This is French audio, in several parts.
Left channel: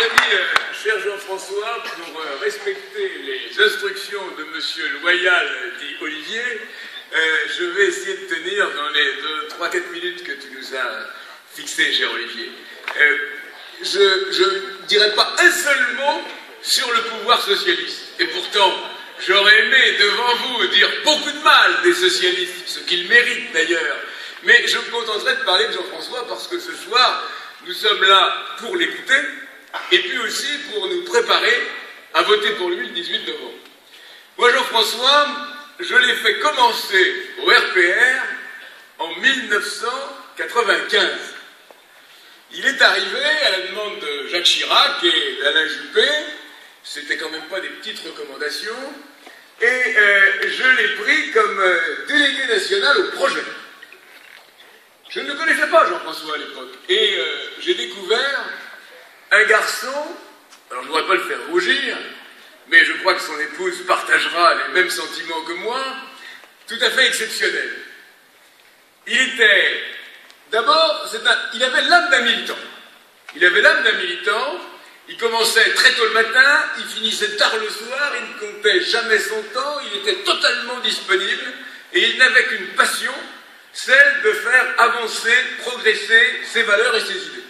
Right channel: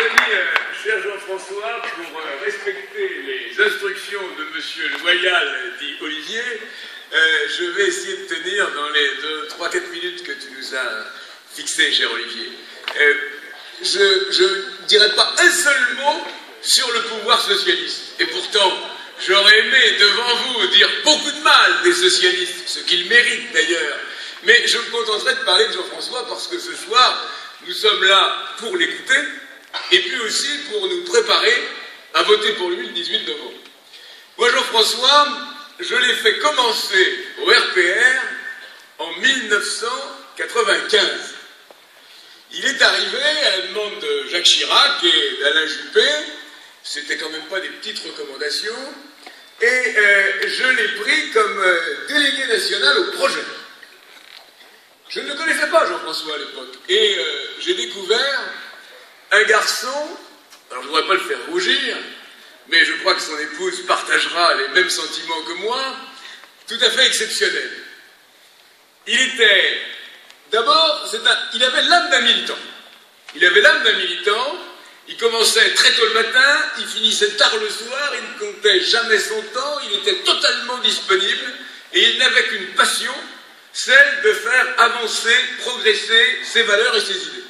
amis, cher Jean-François, pour respecter les instructions de monsieur Loyal, dit Olivier, je vais essayer de tenir dans les 3-4 minutes que tu nous as fixées, cher Olivier. Je ne dirai pas un seul mot sur le pouvoir socialiste. Et pourtant, j'aurais aimé devant vous dire beaucoup de mal des socialistes, ce qu'ils méritent d'ailleurs. Mais je me contenterai de parler de Jean-François parce que ce soir, nous sommes là pour l'écouter et puis aussi pour nous préparer à voter pour lui le 18 novembre. Moi, Jean-François, je l'ai fait commencer au RPR en 1995. Il est arrivé à la demande de Jacques Chirac et d'Alain Juppé, c'était quand même pas des petites recommandations, et je l'ai pris comme délégué national au projet. Je ne le connaissais pas, Jean-François, à l'époque, et j'ai découvert un garçon, alors je ne voudrais pas le faire rougir, mais je crois que son épouse partagera les mêmes sentiments que moi, tout à fait exceptionnel. Il était, d'abord, il avait l'âme d'un militant. Il avait l'âme d'un militant, il commençait très tôt le matin, il finissait tard le soir, il ne comptait jamais son temps, il était totalement disponible, et il n'avait qu'une passion, celle de faire avancer, progresser ses valeurs et ses idées.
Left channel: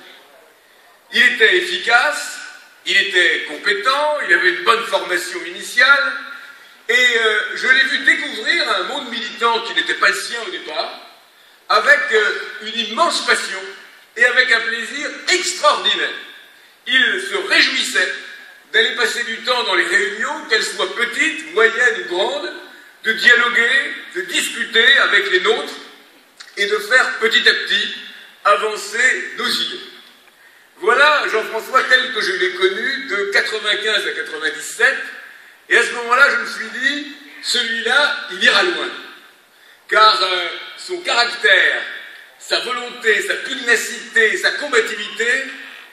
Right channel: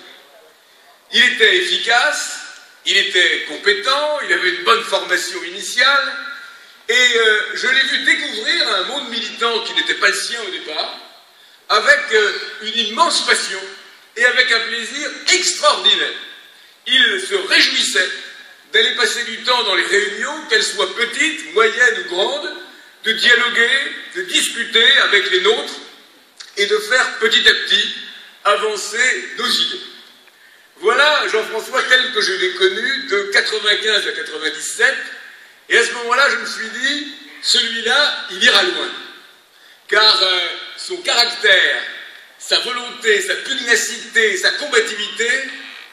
Il était efficace, il était compétent, il avait une bonne formation initiale, et je l'ai vu découvrir un monde militant qui n'était pas le sien au départ, avec une immense passion et avec un plaisir extraordinaire. Il se réjouissait d'aller passer du temps dans les réunions, qu'elles soient petites, moyennes ou grandes, de dialoguer, de discuter avec les nôtres, et de faire petit à petit avancer nos idées. Voilà Jean-François tel que je l'ai connu de 95 à 97, et à ce moment-là, je me suis dit, celui-là, il ira loin. Car son caractère, sa volonté, sa pugnacité, sa combativité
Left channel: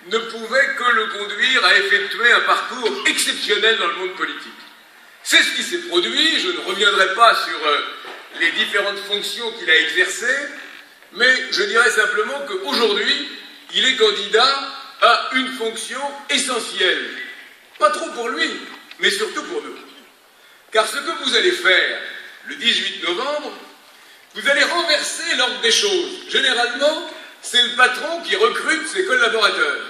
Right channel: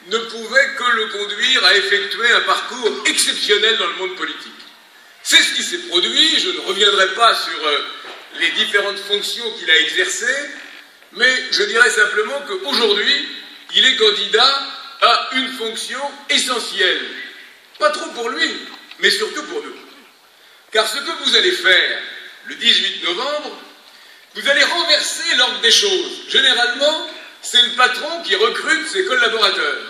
ne pouvaient que le conduire à effectuer un parcours exceptionnel dans le monde politique. C'est ce qui s'est produit, je ne reviendrai pas sur les différentes fonctions qu'il a exercées, mais je dirais simplement qu'aujourd'hui, il est candidat à une fonction essentielle. Pas trop pour lui, mais surtout pour nous. Car ce que vous allez faire le 18 novembre, vous allez renverser l'ordre des choses. Généralement, c'est le patron qui recrute ses collaborateurs.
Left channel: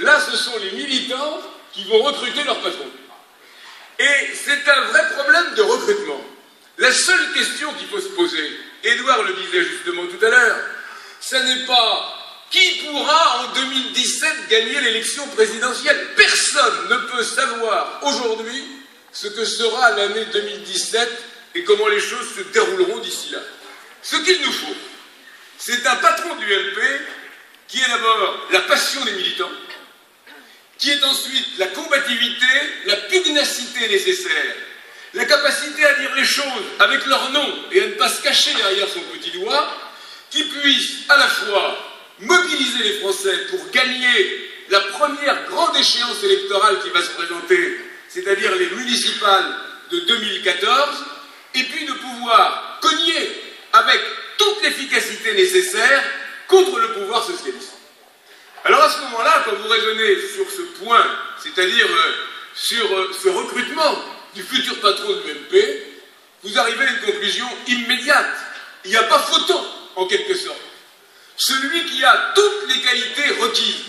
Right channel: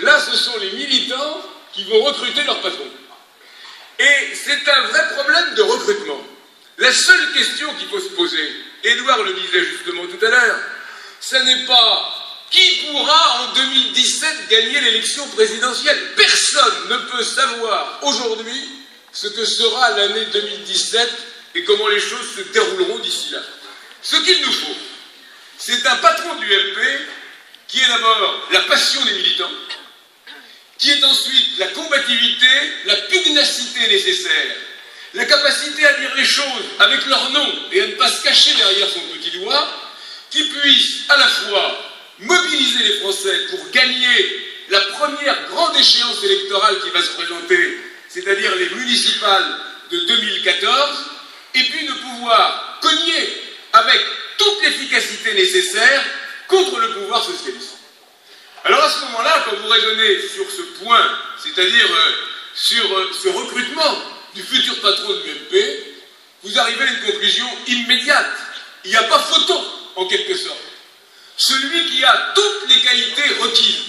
Là, ce sont les militants qui vont recruter leur patron. Et c'est un vrai problème de recrutement. La seule question qu'il faut se poser, Édouard le disait justement tout à l'heure, ce n'est pas qui pourra en 2017 gagner l'élection présidentielle. Personne ne peut savoir aujourd'hui ce que sera l'année 2017 et comment les choses se dérouleront d'ici là. Ce qu'il nous faut, c'est un patron de l'UMP qui est d'abord la passion des militants, qui est ensuite la combativité, la pugnacité nécessaire, la capacité à dire les choses avec leur nom et à ne pas se cacher derrière son petit doigt, qui puisse à la fois mobiliser les Français pour gagner la première grande échéance électorale qui va se présenter, c'est-à-dire les municipales de 2014, et puis de pouvoir cogner avec toute l'efficacité nécessaire contre le pouvoir socialiste. Alors à ce moment-là, quand vous raisonnez sur ce point, c'est-à-dire sur ce recrutement du futur patron de l'UMP, vous arrivez à une conclusion immédiate. Il n'y a pas photo, en quelque sorte. Celui qui a toutes les qualités requises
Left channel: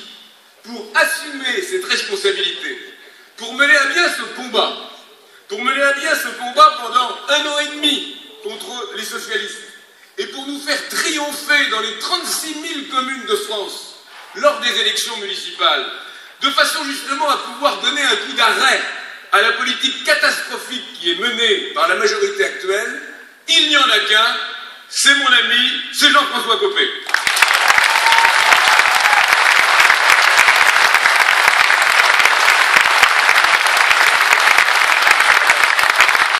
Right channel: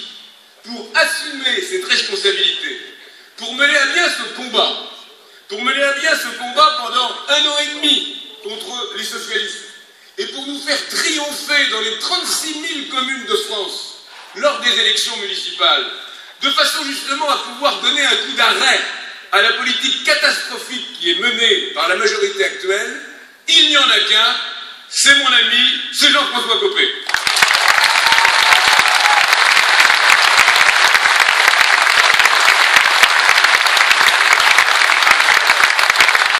pour assumer cette responsabilité, pour mener à bien ce combat, pendant 1 an et demi contre les socialistes, et pour nous faire triompher dans les 36 000 communes de France lors des élections municipales, de façon justement à pouvoir donner un coup d'arrêt à la politique catastrophique qui est menée par la majorité actuelle, il n'y en a qu'un, c'est mon ami, c'est Jean-François Copé.